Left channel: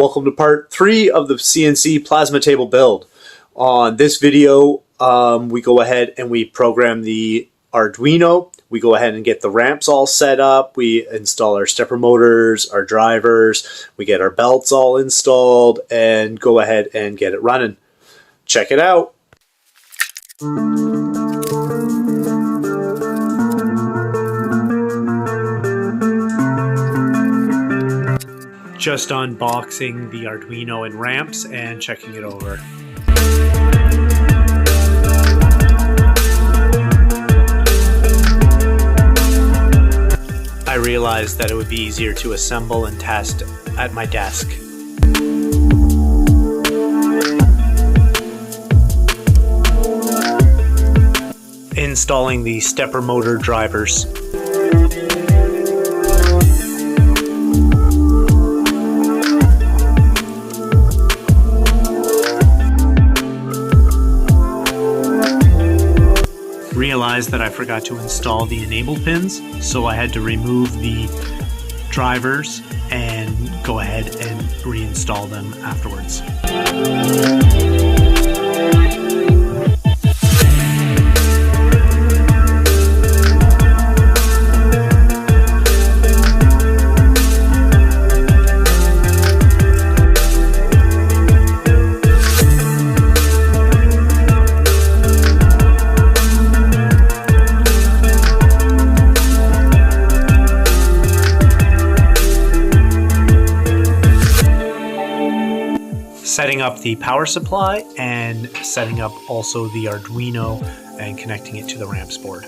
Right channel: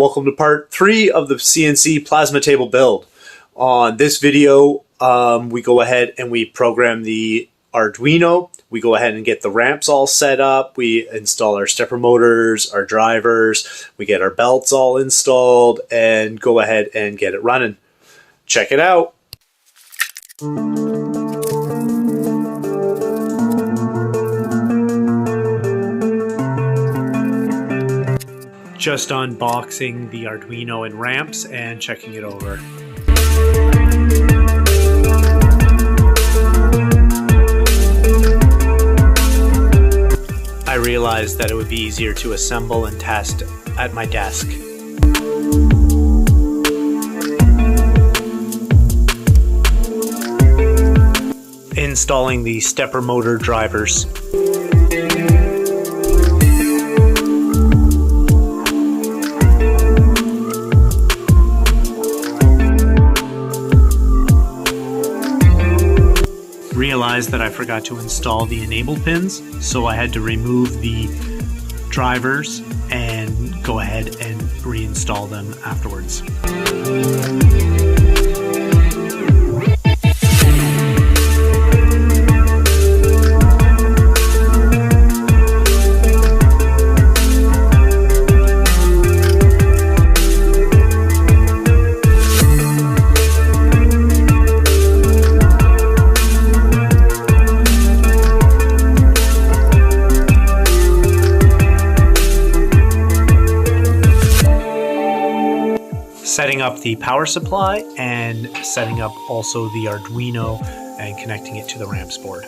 Welcome to part 3 of the CNC plasma table build. On this video, we go ahead and we program the Arduino. We go ahead and get the ramps all set up. We install our stepper motors, our drivers. We get our belts all installed and go ahead and get it running. Check it out. Just unboxing the Arduino and ramps and checking it over. I realized that it would be easier to assemble and test at my desk. Installing the stepper motor drivers. Realized that I forgot to install the enable pins, so I had to remove the drivers and go ahead and reinstall them afterwards. Setting up the power supply and setting up also the Arduino and connecting it to the ramps board.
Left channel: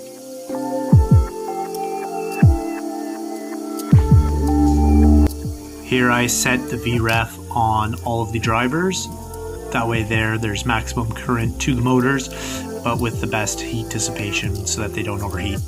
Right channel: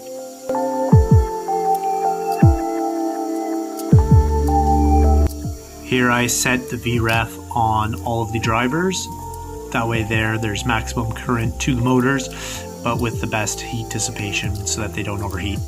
Here I set the VREF on all of the drivers. That way there's maximum current to the motors, but with the best heat dissipation so that they don't overheat.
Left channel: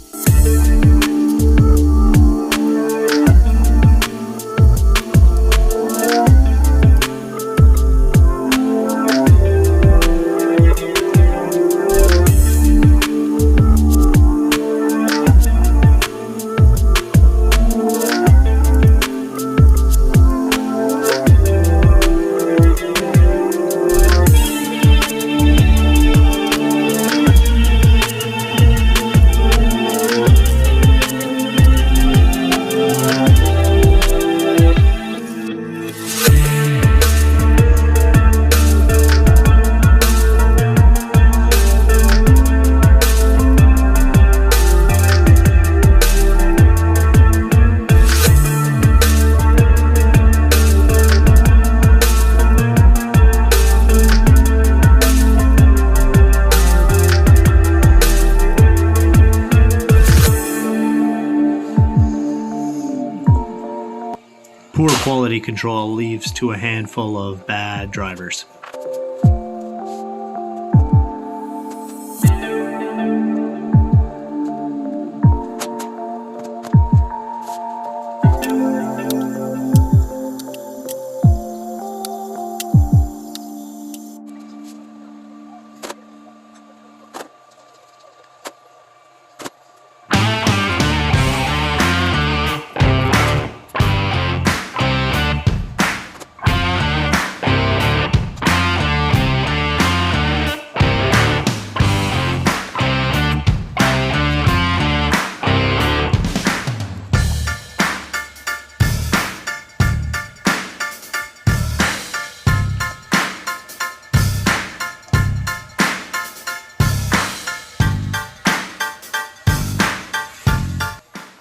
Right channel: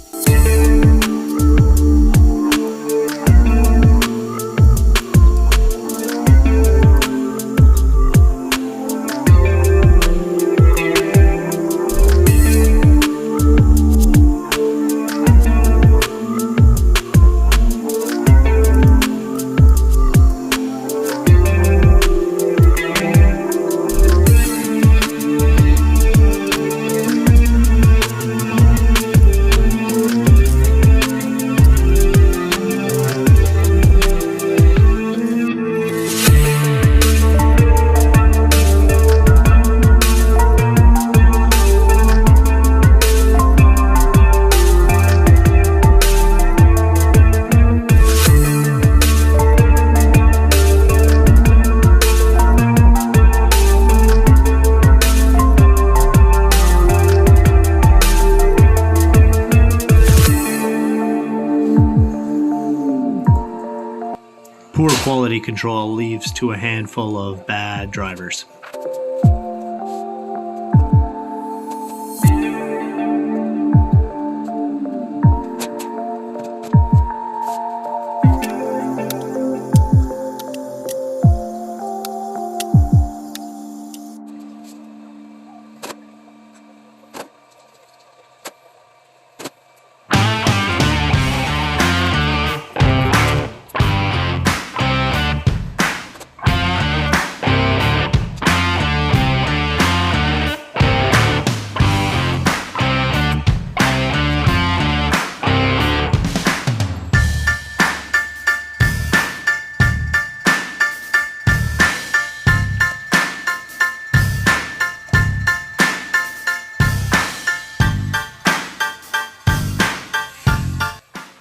Poor quality control leads to a handful of bad drivers.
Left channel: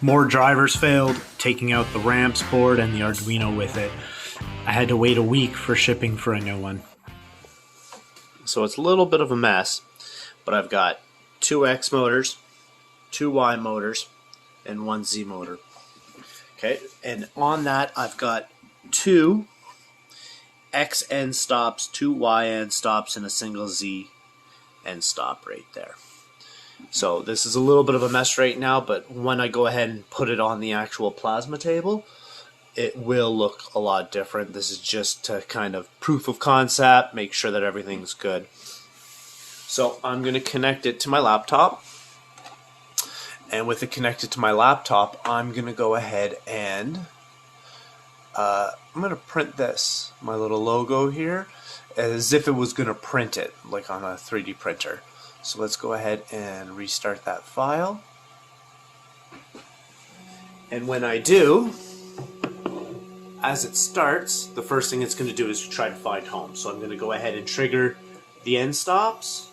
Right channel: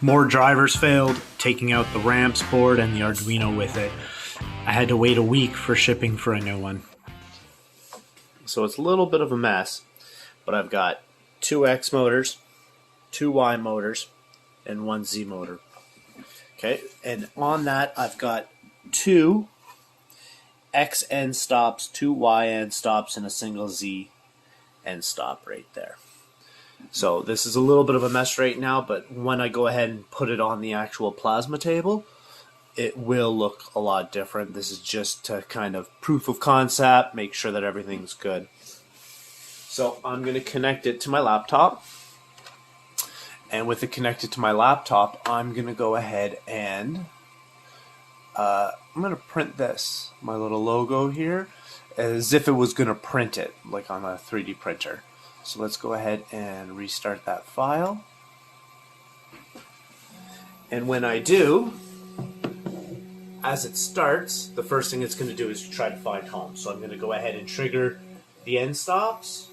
More drivers failed, taking out the ramps board and the Arduino with it. I had to wait a week for shipping for a new one. So it's a little bit of a mess, but I've got 2 X motors, 2 Y motors, and 1 Z motor. Okay, and on that I've got 2 X end stops, 2 Y end stops, and a single Z end stop right there. So this is a little bit of a mess right now, but when I go ahead and put it on the actual plasma table, it will look a lot different. This is just to kind of proof of concept, make sure that everything's good. So I'm going to connect it to my laptop, and with it connected to my laptop, I'm going to go ahead and I'm going to print this, my little logo here, as if it was going to print it, like on a 3D printer. So let's go ahead and restart that file. And when I do, as it starts, the first thing it's going to do is try to find home. So I'm going to go ahead and trigger the end stops.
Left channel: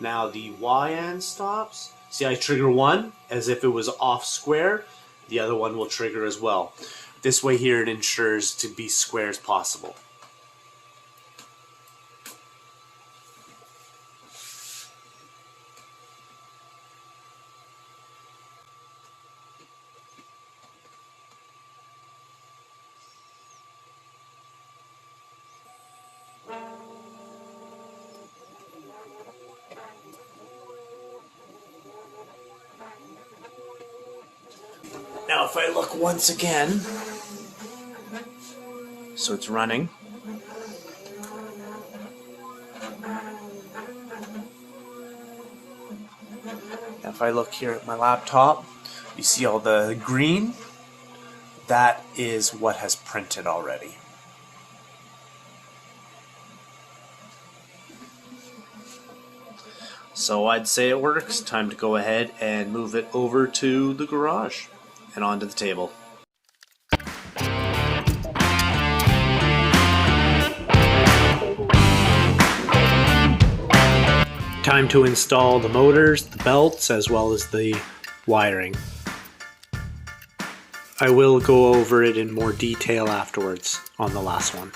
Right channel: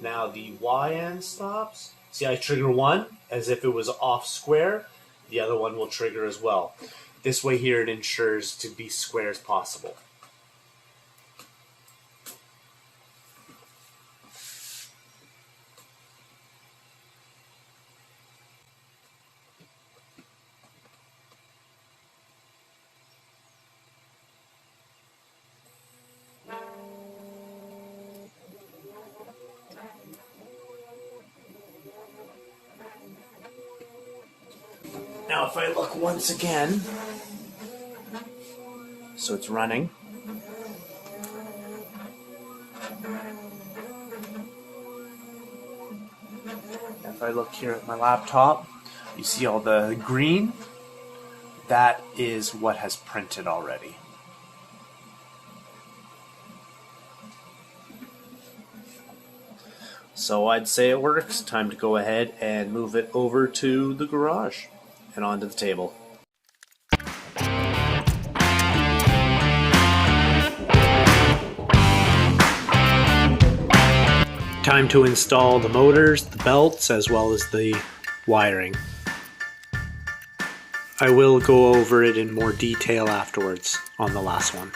Now the Y end stops. See, I trigger one as if it was off square. The other one will trigger as well. This way here it ensures to be square as possible. Now if I look once again, so it's running. Now if I look here at my laptop, you see all the green? That is what has printed already. So I'd say it works. Time to go ahead and move it over to the garage and onto the table. Time to install the motors, the belts, as well as the wiring. I will go over it in more detail afterwards on the last one.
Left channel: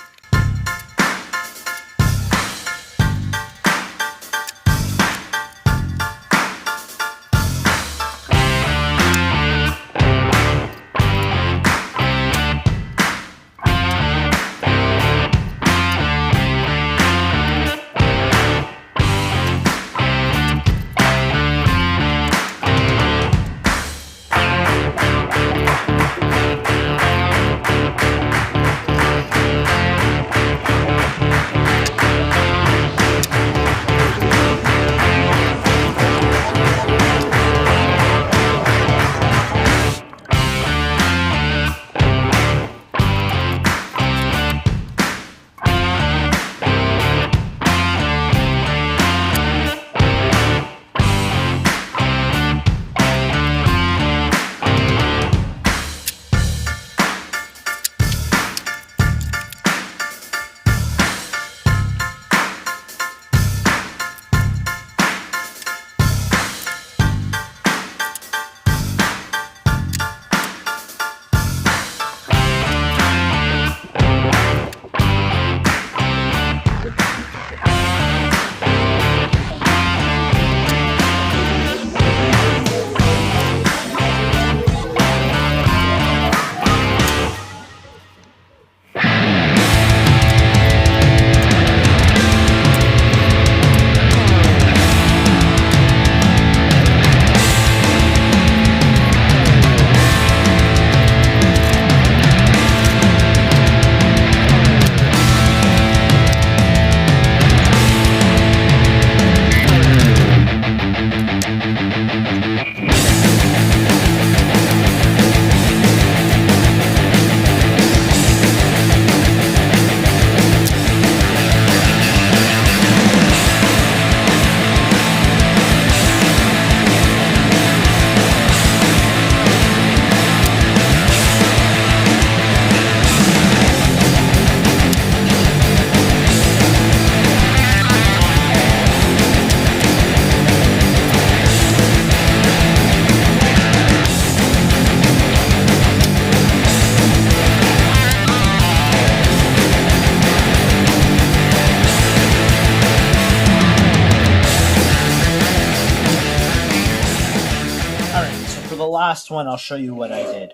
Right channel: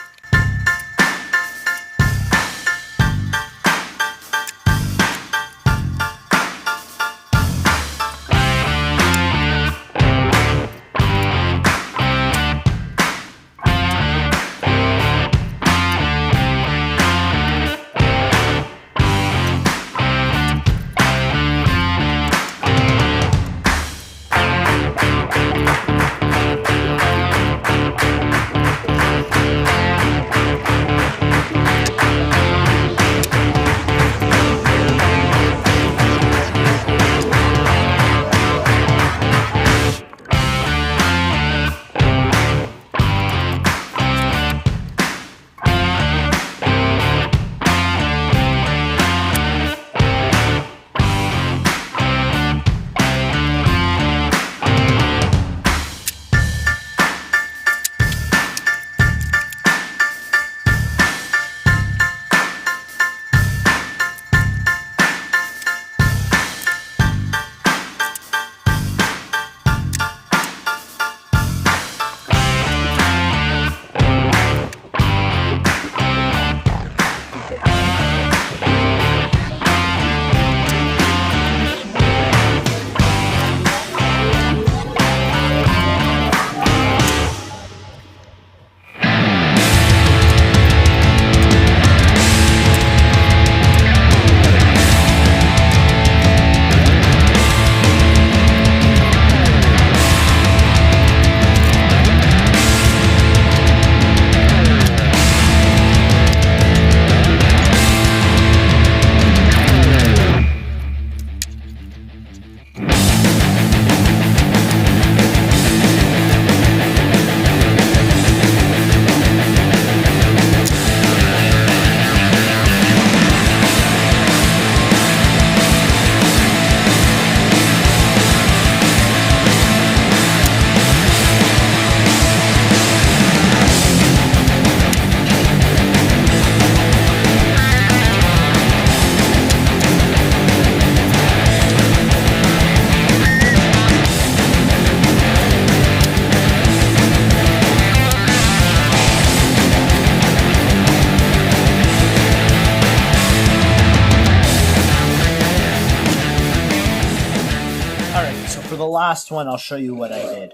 Last one, I'll show you what I did.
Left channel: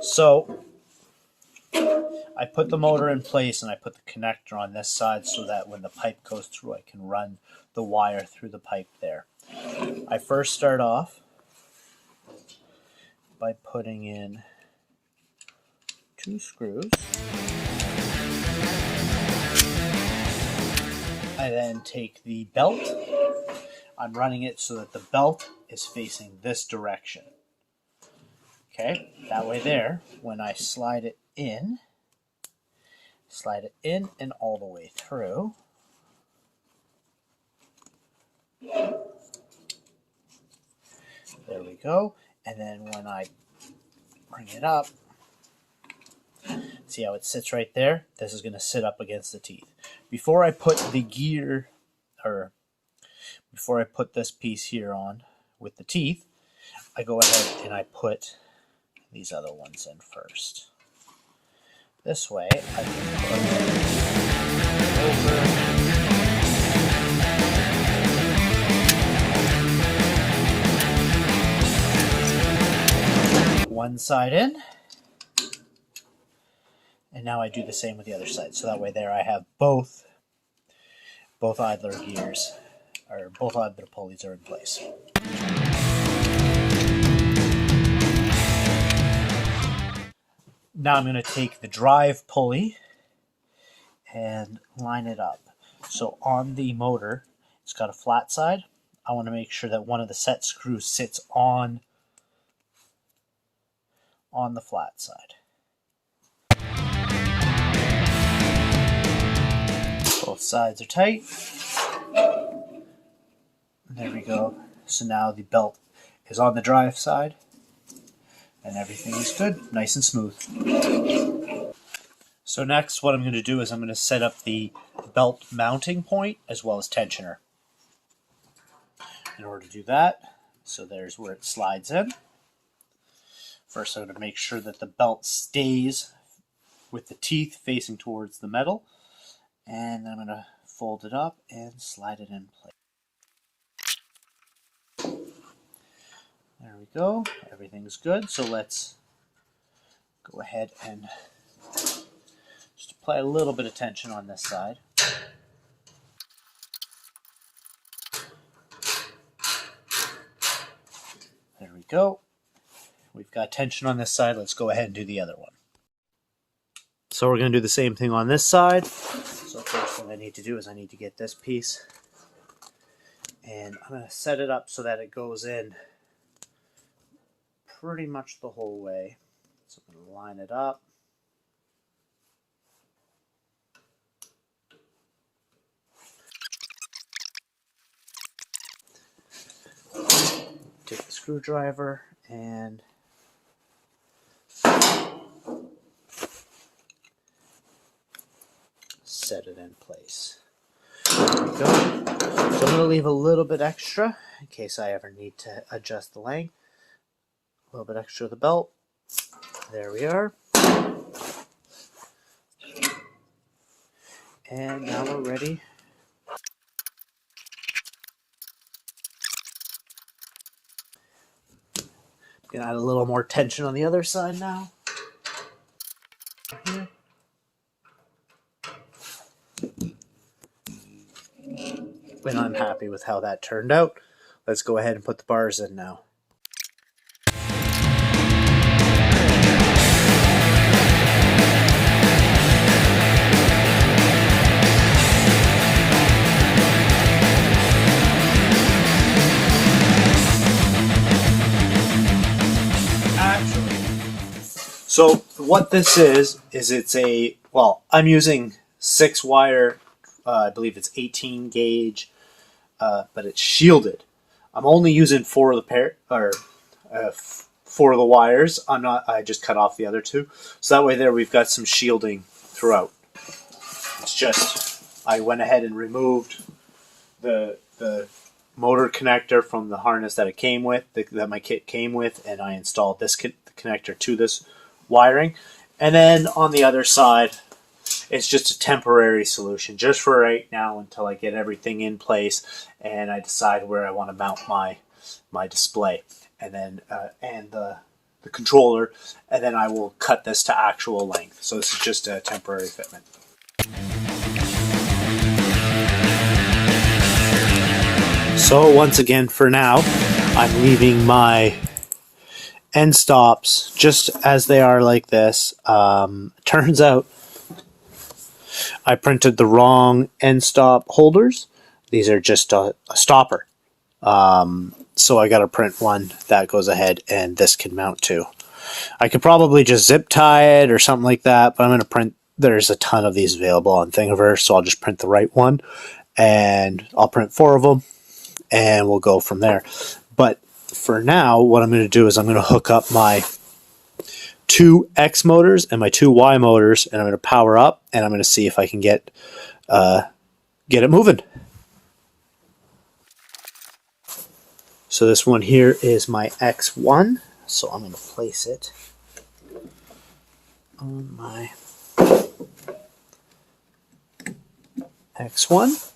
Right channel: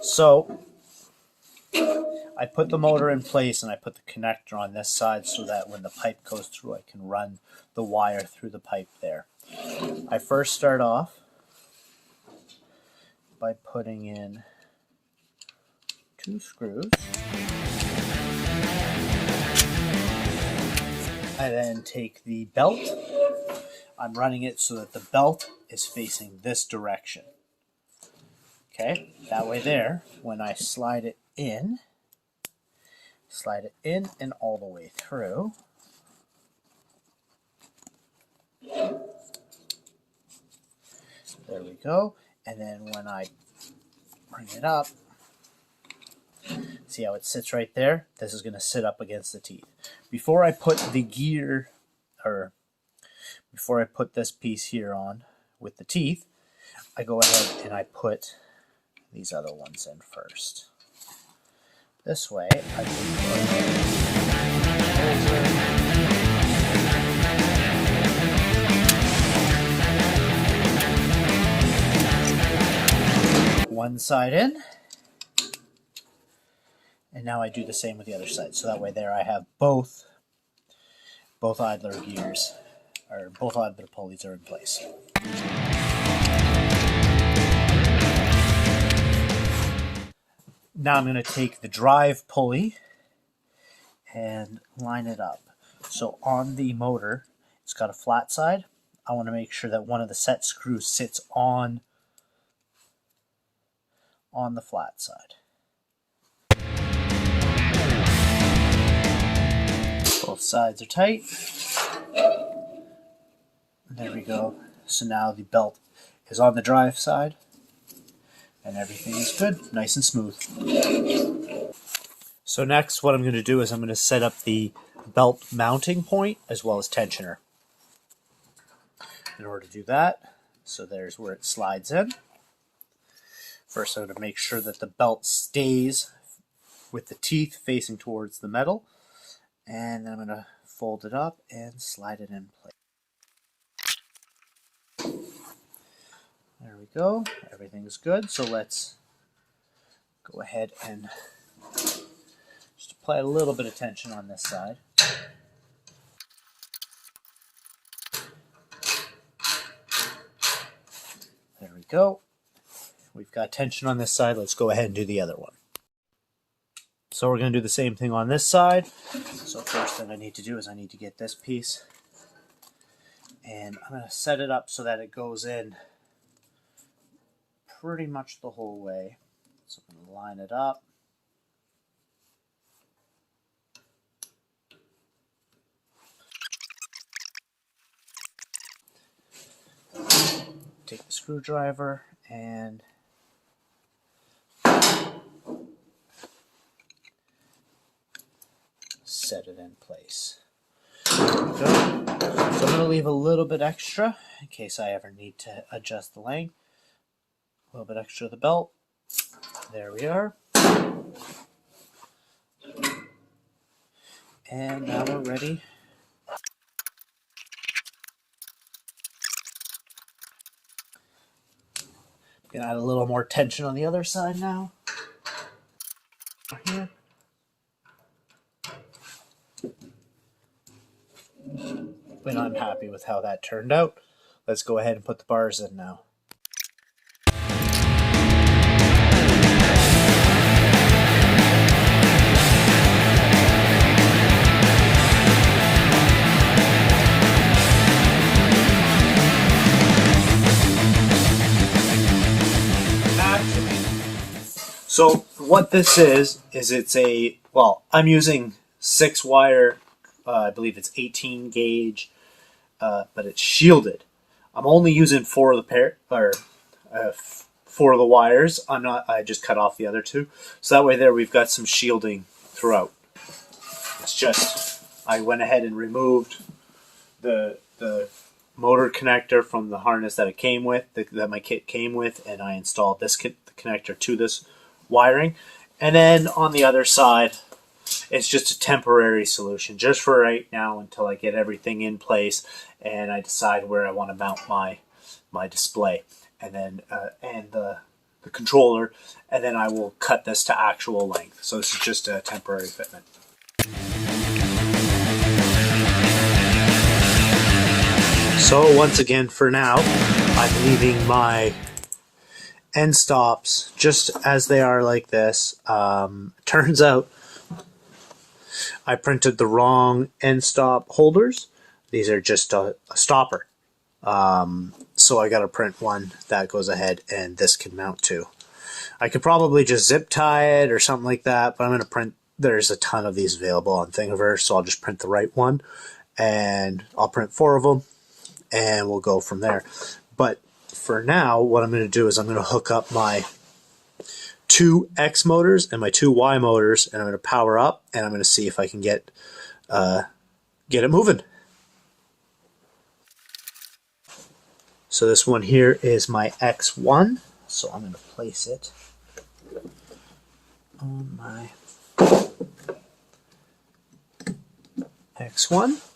So I put the motor in place and I put the connector on this side so that when the pipe goes through, I can run the wire through the pipe there. I first start off by putting in 2 screws. I then take the belt. I'm running it so that the belt is facing this direction. Okay, that way there, when I slide it in, slide it in and all the way through. There we go. And then when I bring it up, see how it sits right there? This is going to sit up against the teeth. Before I put the gear, or before I put this piece here on with the teeth, I go ahead and I put these other ones in first. This way, I can put one side in, and now I do the same with the other side. So that way there I have both idler gears, or both idler pulleys are in place. Now I'm going to take the drive pulley and line it up. So on the motor, it's got a flat side. I want to make sure that one of the set screws sits on the flat side. Both sides are tight. There we go. So now the belt is on the drive side. And everything is good, nice and smooth. So next, what I'm going to do is I'm going to set up the belt mounting point as well as tensioner. In order to do that, so there's where it slides in. First, I'm going to make sure that the belt stays with the teeth facing towards the metal. And then I'm going to fold it up and slide it in place. There we go. Everything's good. So let's go ahead and just apply a little bit of tension on this side. There we go. We've got tension on this side. Let's go ahead and do the other one. So we're going to do the same thing on this side. So first thing I need to do is I need to get this piece, and I'm going to set it up so that it goes in pretty much the whole way. So I'm going to line it up. Take the screwdriver and set it in place. There we go. So I'm going to leave a little bit extra in case I ever need to adjust the length. A little bit extra of the belt. There we are. And now we're ready. I'm going to add a little more tension on the other side now. Here. When I'm happy with how that turned out, let's go ahead and put the bars in now. So what this is it's a, well, I'm using 6-wire, I believe it's 18 gauge, but it's shielded. I'm only using 4 of the 4 of the wires. I just cut off the other 2. So that way there we've got some shielding throughout. It's just, I went ahead and removed the motor connector from the harness that it came with, that my kit came with, and I installed this connector to this wiring. And then on the other side, it's just a temporary solution, just for right now until I get everything in place and I decide where I want to mount my display, and then the controller, and then I will cut this to actual length. So this is just a temporary fitment. So once again, for now, I'm leaving my end stops just as they are, like this. Turns out I printed the wrong end stop holders. These are just a stopper. So I got to print one that goes ahead and this can mount to. I could probably just zip tie it or something like that, but I'm going to print there's a ton of these available on Thingiverse, so I'll just print the right one, and I'll print 4 of them, and we'll go from there. But for now, what I'm going to do is I'm going to hook up my 2 X motors and my 2 Y motors, and I'm going to power up, and I'm going to see if I can get it moving. So this one here is my X1, so I'm going to place it on my X1.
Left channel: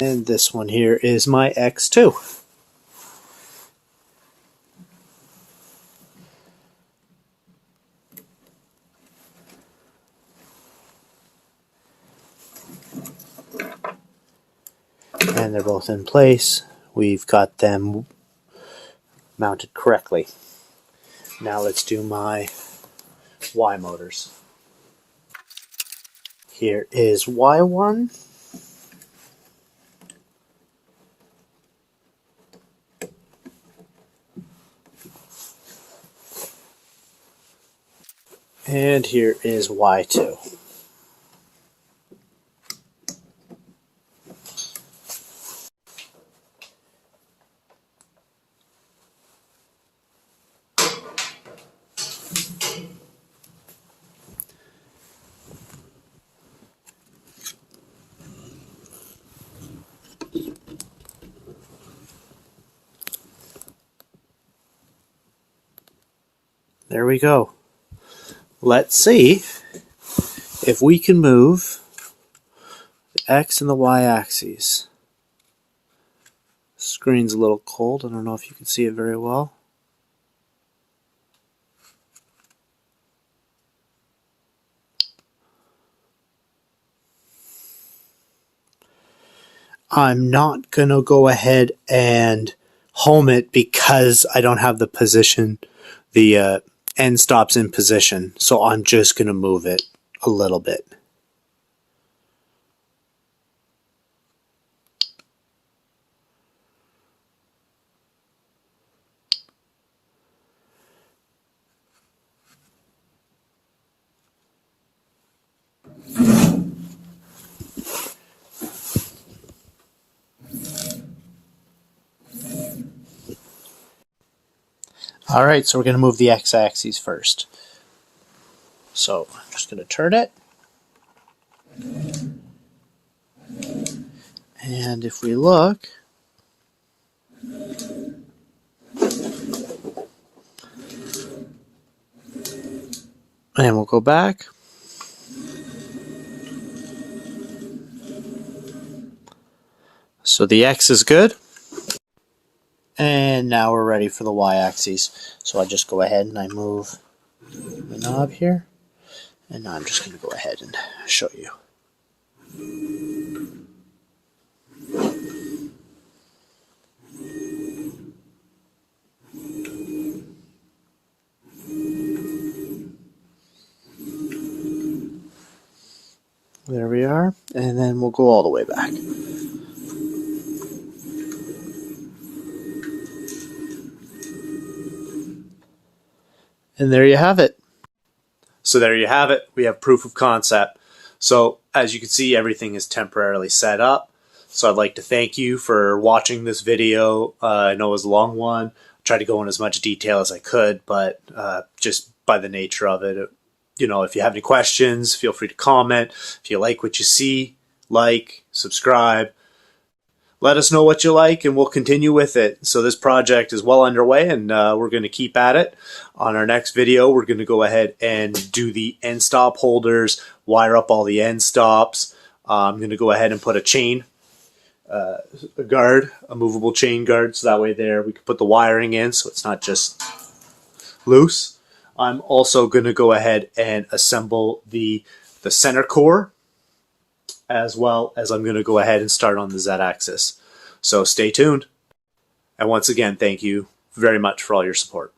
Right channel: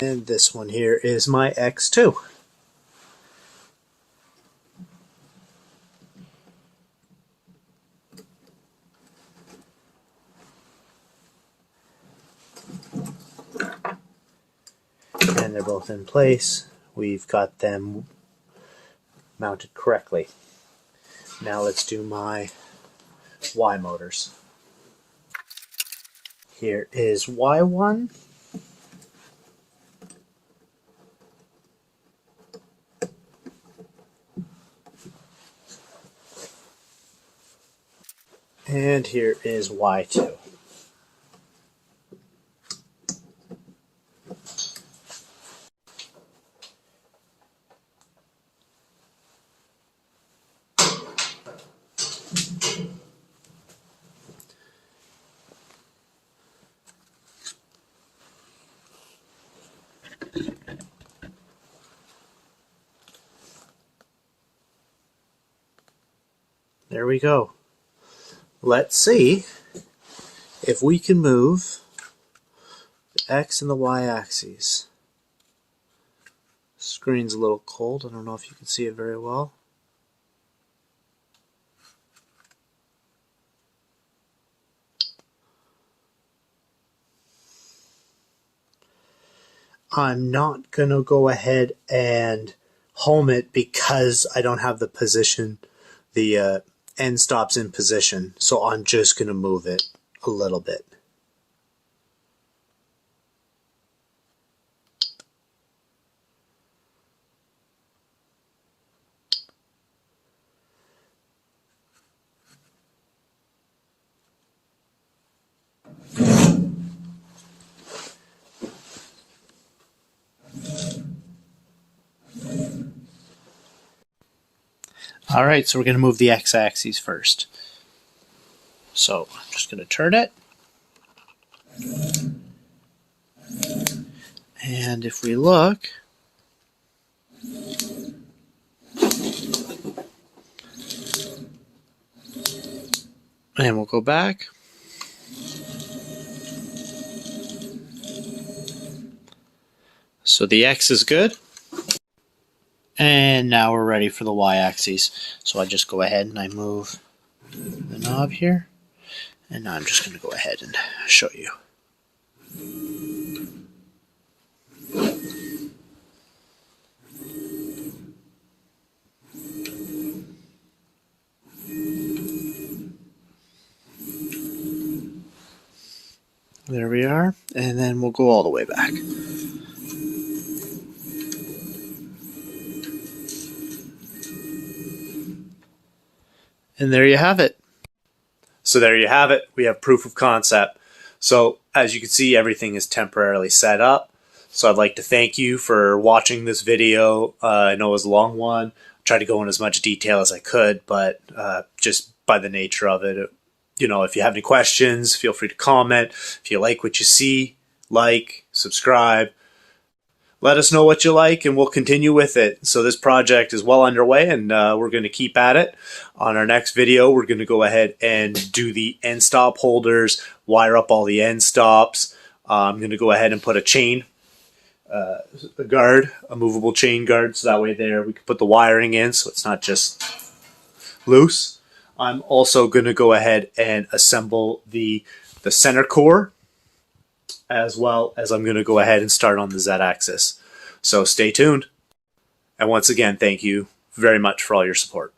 And this one here is my X2. And they're both in place. We've got them mounted correctly. Now let's do my Y motors. Here is Y1. And here is Y2. There we go. Let's see if we can move the X and the Y axes. The screen's a little cold. I don't know if you can see it very well. I'm not going to go ahead and home it because I don't have the position, the end stops in position, so I'm just going to move it a little bit. Alright, so we're going to move the X-axis first. So I'm just going to turn it. And if we look, and we'll go back. So the X is good. And now we're ready for the Y-axis. So I just go ahead and I move the knob here. And now I'm just going to go ahead and show you. There we are. And then we'll go all the way back. And there you have it. So there you have it. We have proof of concept. So as you can see, everything is temporarily set up. So I'd like to thank you for watching this video. I know it was a long one. I tried to go in as much detail as I could, but just by the nature of it, you know, if you have any questions, feel free to comment. If you like what you see, like, subscribe. Let us know what you like, and we'll continue with it. So this project is well underway, and we're going to keep at it. On our next video, we're going to go ahead and do the end stop holders, wire up all the end stops. I'm going to go ahead and put a chain, a guard, a movable chain guard, so that way there we can put the wiring in so it's not just loose. I'm also going to go ahead and assemble the center core, as well as I'm going to go ahead and start on the Z-axis. So stay tuned. And once again, thank you very much for all your support.